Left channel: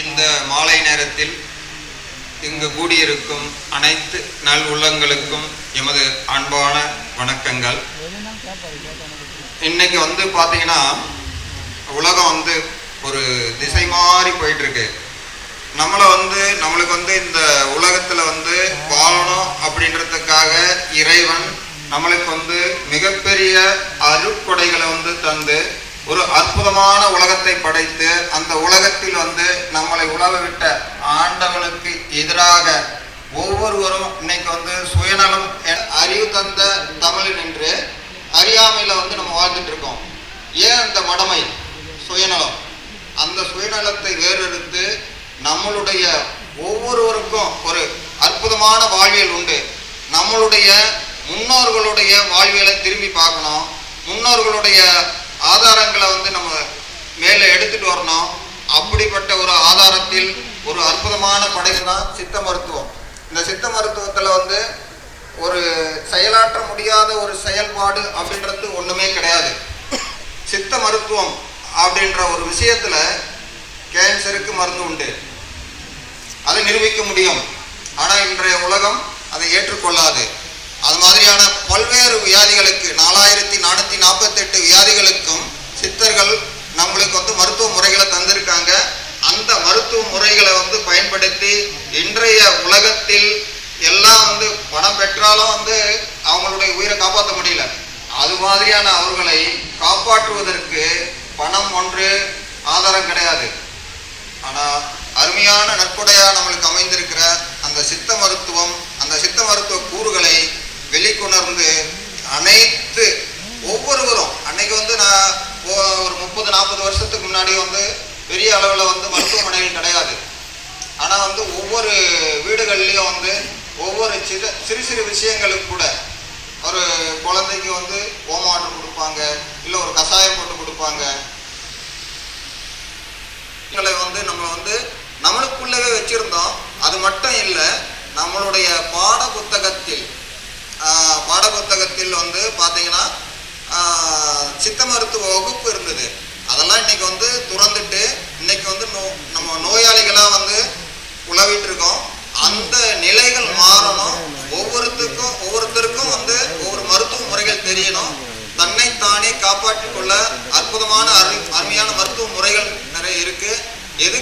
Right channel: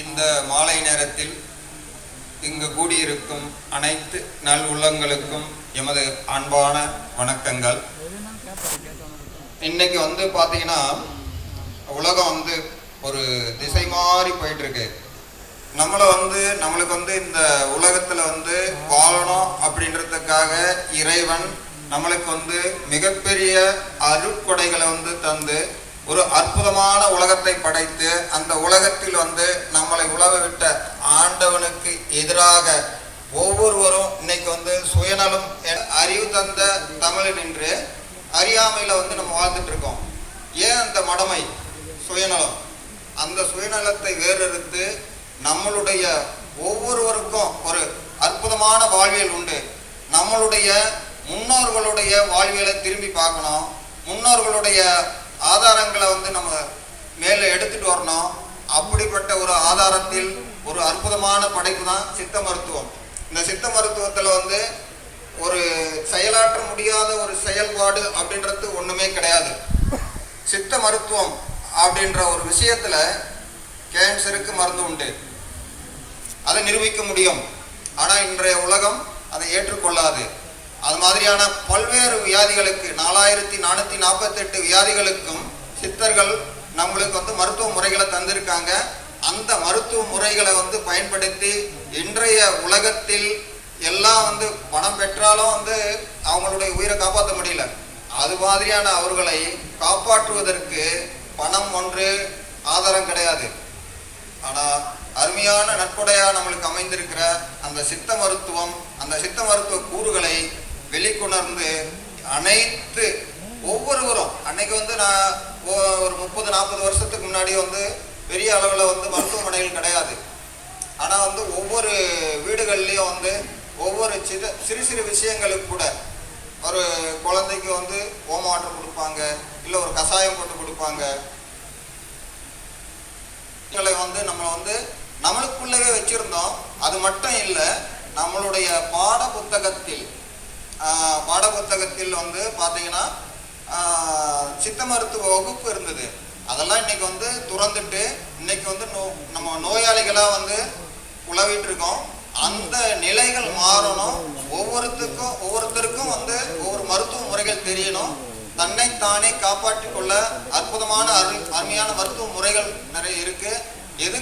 இந்த மாலை நேரத்தில் இங்கு கூடியிருக்கும் அனைத்து நல் உள்ளங்களுக்கும் எமது அன்பான வணக்கங்கள். இன்னைக்கு வந்து பார்த்தீங்கன்னா உலகம் வந்து ஒரு திசை மாறி போயிட்டு இருக்கு நம்மளை வந்து நம்மளுக்கு வந்து இந்த உலகத்தில் வந்து வாழணும் அப்படின்றதுக்காக இறைவன் நம்மளுக்கு வந்து மிகப்பெரிய அருட்கொடைகளை வந்து தந்து ஒரு அற்புதமான உலகத்தை படைத்து அந்த உலகத்தில் வந்து நம்மளை உலக விட்ட ஆண்டவனுக்கு எதிராக ஒவ்வொருவரும் இன்னைக்கு வந்து சுயநலம் அறிவு தந்த தமிழன் என்று அறியாமையில் வந்து நம்ம வாழ்ந்துட்டு இருக்கோம். ஏன் அந்த மடமை? சுயநலம். அந்த சுயநலத்தை வேறெடுத்து நம்மளுடைய ஒவ்வொருவருக்கும் ஒரு அற்புதமான வாழ்வியல் உண்டு. நம்மளுடைய முன்னோர்களுடைய வாழ்வியலை திரும்பி பார்க்கணும். முன்னோர்களுடைய ஆதாரங்களை வந்து நம்ம மேலே எடுத்துட்டு வரணும். அப்படிப்பட்ட ஒரு ஆதாரத்தில் ஒரு அற்புதமான படைப்பு தான் சித்த மருத்துவம். இந்த சித்த மருத்துவத்தில் வந்து ஒரு செயலாற்ற முடியாத ஒரு செயல்பாடு அப்படின்றது ஒன்றுமே கிடையாது. சித்த மருத்துவம் அப்படின்ற ஒரு விஷயத்தில் கேன்சருக்கு மருந்து உண்டு. அதை நிரூபிக்க முடியும். ஆனால் இன்றைய உலகம் அதை ஏற்றுக்கொள்ளாது. அது மாதிரியான பல்வேறு வியாதிகளுக்கு நாலாயிரத்தி நானூற்றி நாற்பத்தெட்டு வியாதிகளுக்கும் சித்தர்கள் நம்மளுக்கு வந்து மருத்துவ முறைகளை தந்திருக்காங்க. அந்த மருத்துவ முறைகளை வந்து பயன்படுத்தி இன்றைய உலகத்தில் எல்லாம் வந்து பணம் பெற்றாலும் வந்து அவங்களுடைய உயிரை காப்பாற்ற முடியல. அது மாதிரியான அவர்களை காப்பாற்றுவதற்கு பணம் ஒன்று ஆதாரம் கிடையாது. ஆனால் அருமையான நட்புடையாக நம்மளுக்கு அமைந்திருக்கிற அந்த சித்த மருத்துவம் அந்த சித்த மருத்துவ கூறுகளை வெளிக்கொணர்ந்து அனைத்து ஒவ்வொருவரும் அன்னைக்கு வந்து நான் ஒரு முப்பது நாற்பது வருஷத்துக்கு முன்னாடி வந்து பெரிய அளவில் வந்து மருத்துவமனைகள் கிடையாது. ஆனால் வந்து ஒவ்வொரு வீடுகள்லேயும் வந்து ஒவ்வொரு சிறு சிறு சிறு விஷயங்களுக்கு கூட ஒரு குழந்தைக்கு வந்து ஓமாட்டம் கொடுப்பாங்க இல்லை ஒரு கஷாயம் போட்டு கொடுப்பாங்க. வந்து நம்ம வந்து நம்மளுக்குள்ளவே வச்சுருந்தோம். அது மட்டும் இல்லை நம்மளுடைய பாட புத்தகத்தில் பாட புத்தகத்தில் வந்து பார்த்தீங்கன்னா சித்த மருத்துவ வகுப்பு இருந்தது. அதெல்லாம் இன்னைக்கு வந்து துறந்துட்டு இன்னைக்கு வந்து நோ நம்ம நோயாளிகளாக வந்து உழவிட்டு இருக்கோம் அந்த நிலைகள் மாறணும். ஒவ்வொருத்துக்கும் ஒவ்வொருத்தருக்கும் வந்து ஒவ்வொரு மருத்துவ முறைகள் தெரியணும். தன்னைத்தானே காப்பாற்றிக் கொள்ள அற்புதமான அரு அருமையான மருத்துவ முறைகள் நிறைய இருக்கு. எது